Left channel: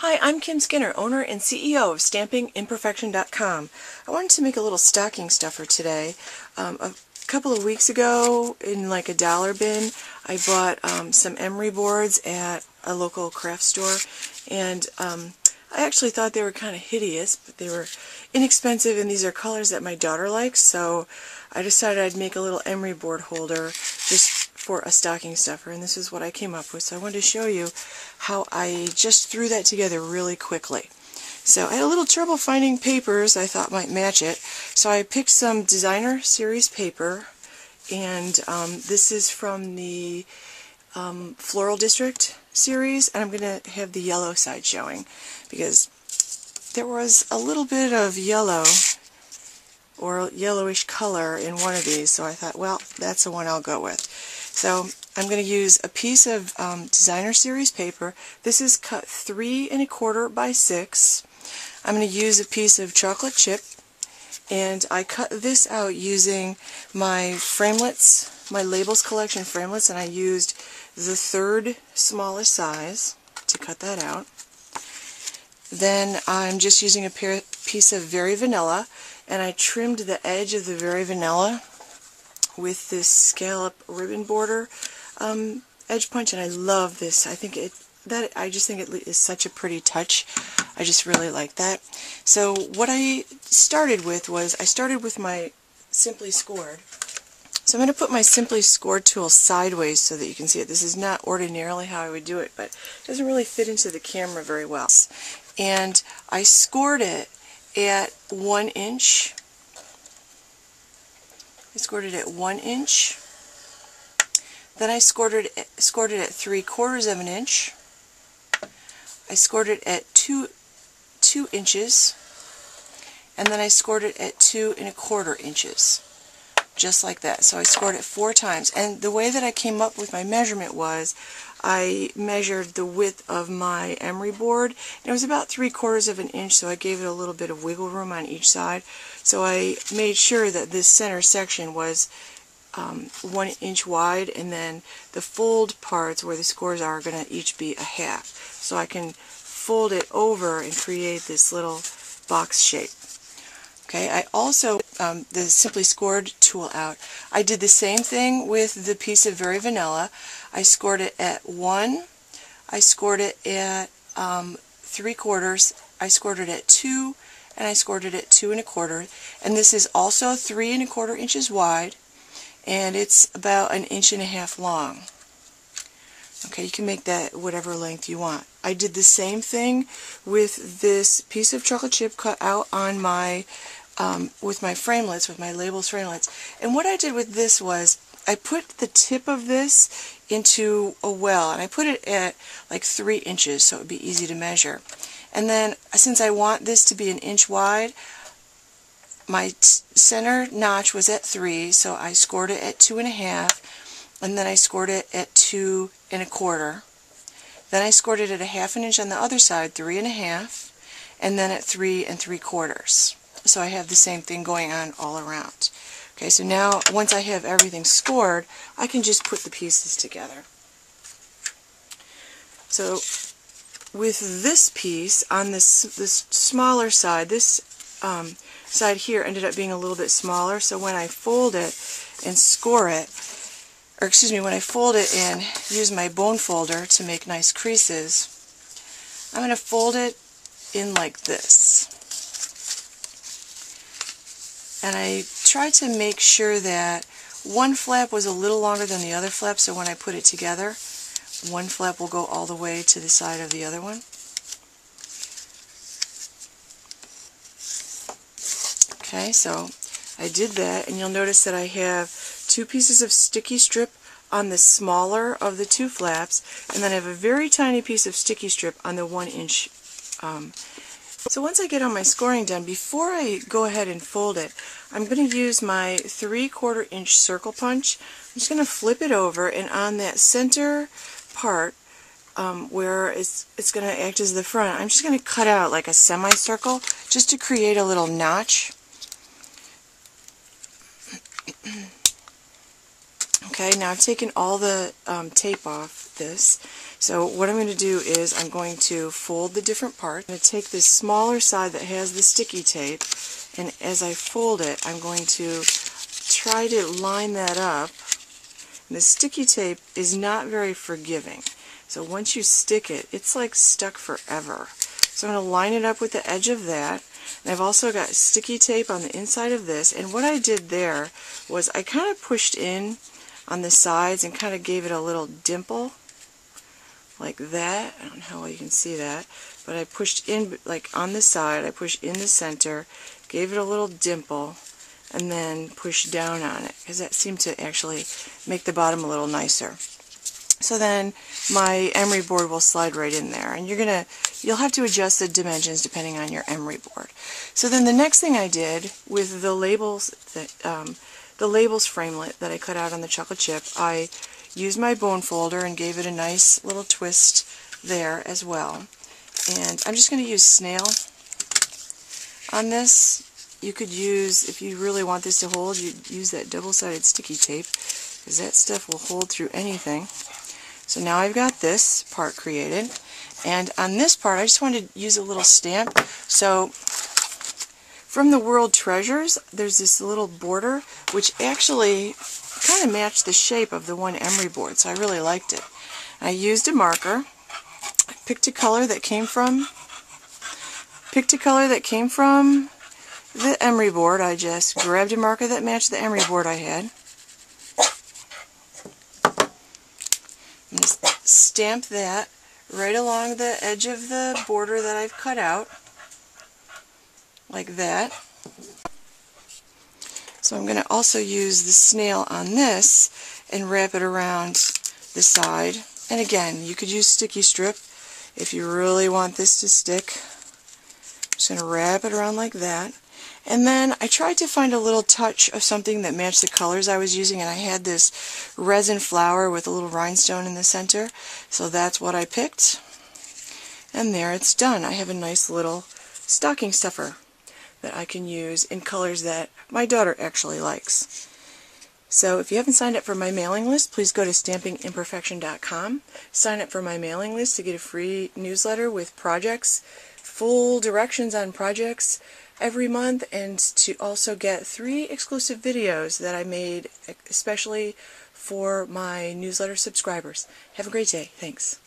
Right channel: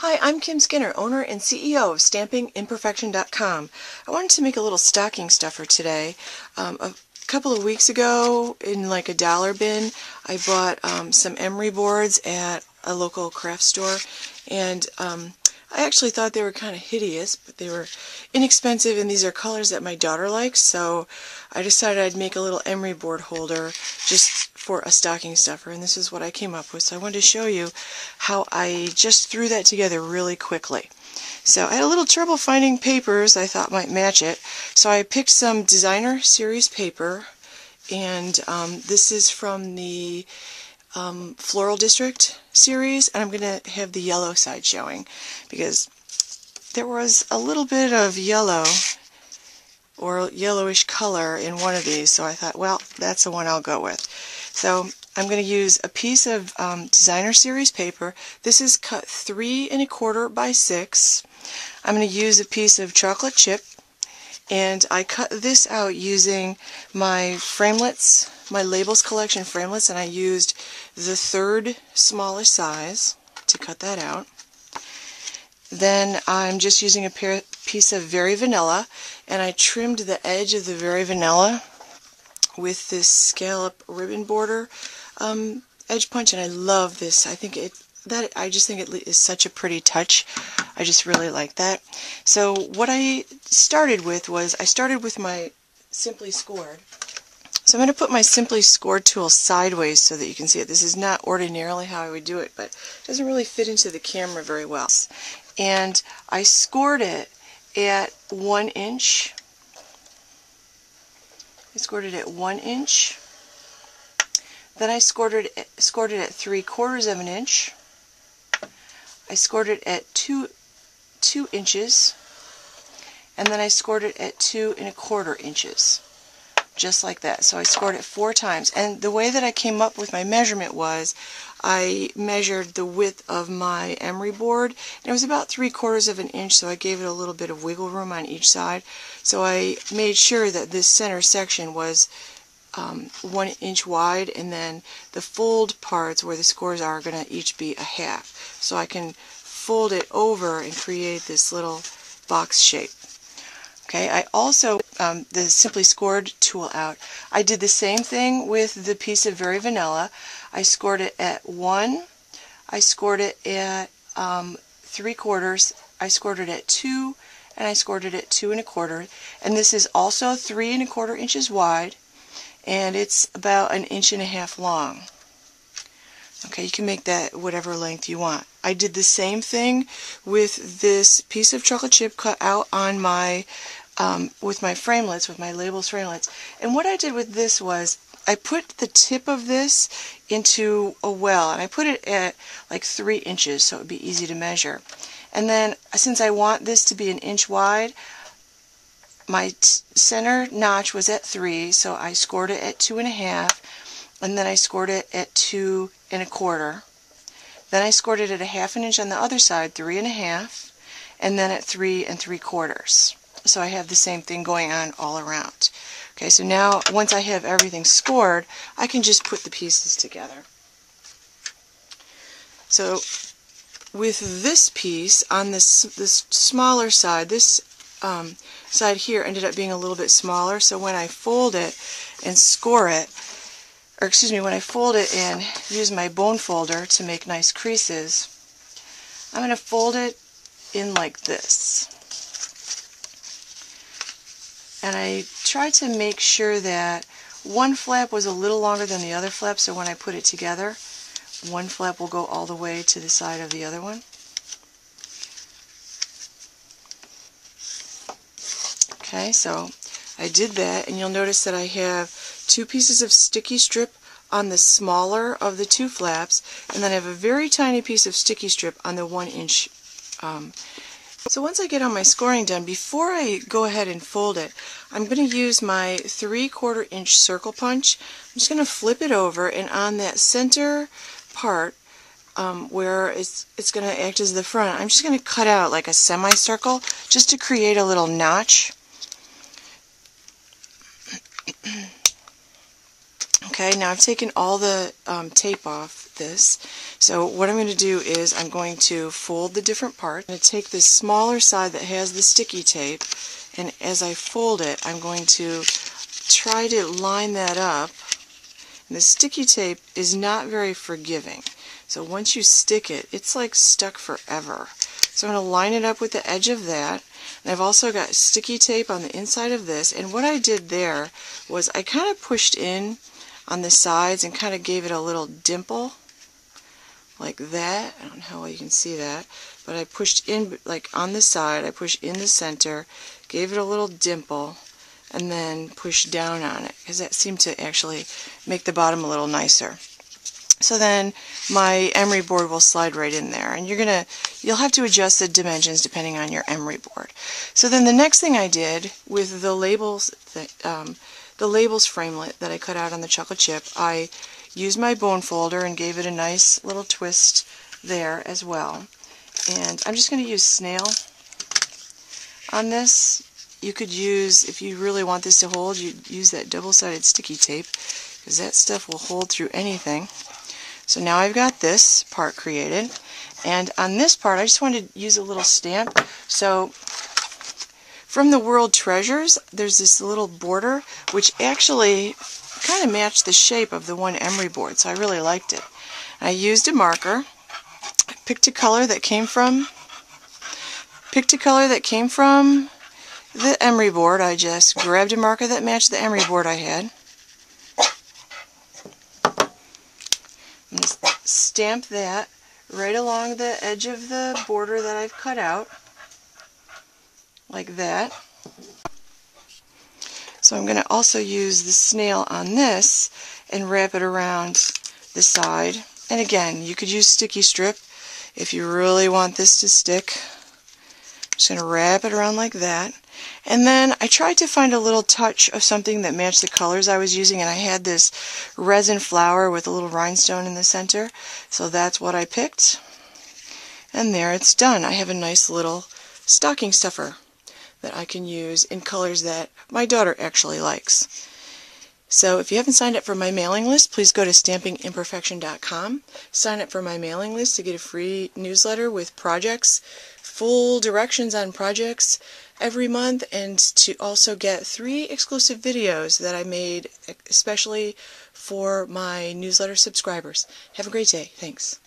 Hi, I'm Kim Skinner, owner and CEO of StampingImperfection.com. I wanted to make a little stocking stuffer today. A couple of weeks ago, in like a dollar bin, I bought some Emery boards at a local craft store, and I actually thought they were kind of hideous, but they were inexpensive, and these are colors that my daughter likes, so I decided I'd make a little Emery board holder just for a stocking stuffer, and this is what I came up with. So I wanted to show you how I just threw that together really quickly. So I had a little trouble finding papers I thought might match it, so I picked some designer series paper, and this is from the Floral District series, and I'm going to have the yellow side showing because there was a little bit of yellow or yellowish color in one of these, so I thought, well, that's the one I'll go with. So I'm going to use a piece of designer series paper. This is cut 3 1/4 by 6. I'm going to use a piece of chocolate chip, and I cut this out using my Framelits, my Labels Collection Framelits, and I used the 3rd smallest size to cut that out. Then I'm just using a piece of Very Vanilla, and I trimmed the edge of the Very Vanilla with this scallop ribbon border edge punch, and I love this. I just think it is such a pretty touch. I just really like that. So what I started with was my Simply Scored. So I'm going to put my Simply Scored tool sideways so that you can see it. This is not ordinarily how I would do it, but it doesn't really fit into the camera very well. And I scored it at 1 inch. I scored it at 1 inch. Then I scored it at 3/4 of an inch. I scored it at 2 inches, and then I scored it at 2 1/4 inches, just like that. So I scored it 4 times, and the way that I came up with my measurement was I measured the width of my Emery board, and it was about 3/4 of an inch, so I gave it a little bit of wiggle room on each side. So I made sure that this center section was 1 inch wide, and then the fold parts where the scores are going to each be a half. So I can fold it over and create this little box shape. Okay, I also, the Simply Scored tool out, I did the same thing with the piece of Very Vanilla. I scored it at 1, I scored it at 3/4, I scored it at 2, and I scored it at 2 1/4. And this is also 3 1/4 inches wide, and it's about 1.5 inches long. Okay, you can make that whatever length you want. I did the same thing with this piece of chocolate chip cut out on my with my Framelits, with my Labels Framelits. And what I did with this was I put the tip of this into a well, and I put it at like 3 inches so it would be easy to measure. And then since I want this to be 1 inch wide, my center notch was at 3, so I scored it at 2 1/2, and then I scored it at 2 1/4. Then I scored it at 1/2 inch on the other side, 3 1/2, and then at 3 3/4. So I have the same thing going on all around. Okay, so now once I have everything scored, I can just put the pieces together. So with this piece on this smaller side, this side here ended up being a little bit smaller, so when I fold it and score it, or excuse me, when I fold it and use my bone folder to make nice creases, I'm going to fold it in like this. And I tried to make sure that one flap was a little longer than the other flap, so when I put it together, one flap will go all the way to the side of the other one. Okay, so I did that, and you'll notice that I have 2 pieces of sticky strip on the smaller of the 2 flaps, and then I have a very tiny piece of sticky strip on the 1 inch. So once I get all my scoring done, before I go ahead and fold it, I'm going to use my 3/4 inch circle punch. I'm just going to flip it over, and on that center part where it's going to act as the front, I'm just going to cut out like a semicircle just to create a little notch. Okay, now I've taken all the tape off this. So what I'm going to do is I'm going to fold the different parts. I'm going to take this smaller side that has the sticky tape, and as I fold it, I'm going to try to line that up. And the sticky tape is not very forgiving. So once you stick it, it's like stuck forever. So I'm going to line it up with the edge of that. And I've also got sticky tape on the inside of this. And what I did there was I kind of pushed in on the sides and kind of gave it a little dimple. Like that. I don't know how well you can see that. But I pushed in, like on the side, I pushed in the center, gave it a little dimple, and then pushed down on it. Because that seemed to actually make the bottom a little nicer. So then my Emery board will slide right in there, and you'll have to adjust the dimensions depending on your Emery board. So then the next thing I did with the labels framelit that I cut out on the chocolate chip, I used my bone folder and gave it a nice little twist there as well. And I'm just going to use snail on this. You could use, if you really want this to hold, you'd use that double-sided sticky tape, because that stuff will hold through anything. So now I've got this part created, and on this part I just wanted to use a little stamp. So from the World Treasures, there's this little border which actually kind of matched the shape of the one Emery board, so I really liked it. I used a marker, picked a color that came from the Emery board. I just grabbed a marker that matched the Emery board I had. I'm going to stamp that right along the edge of the border that I've cut out, like that. So I'm going to also use the snail on this and wrap it around the side. And again, you could use sticky strip if you really want this to stick. I'm just going to wrap it around like that. And then I tried to find a little touch of something that matched the colors I was using, and I had this resin flower with a little rhinestone in the center, so that's what I picked. And there it's done. I have a nice little stocking stuffer that I can use in colors that my daughter actually likes. So if you haven't signed up for my mailing list, please go to stampingimperfection.com. Sign up for my mailing list to get a free newsletter with projects, full directions on projects every month, and to also get 3 exclusive videos that I made especially for my newsletter subscribers. Have a great day. Thanks.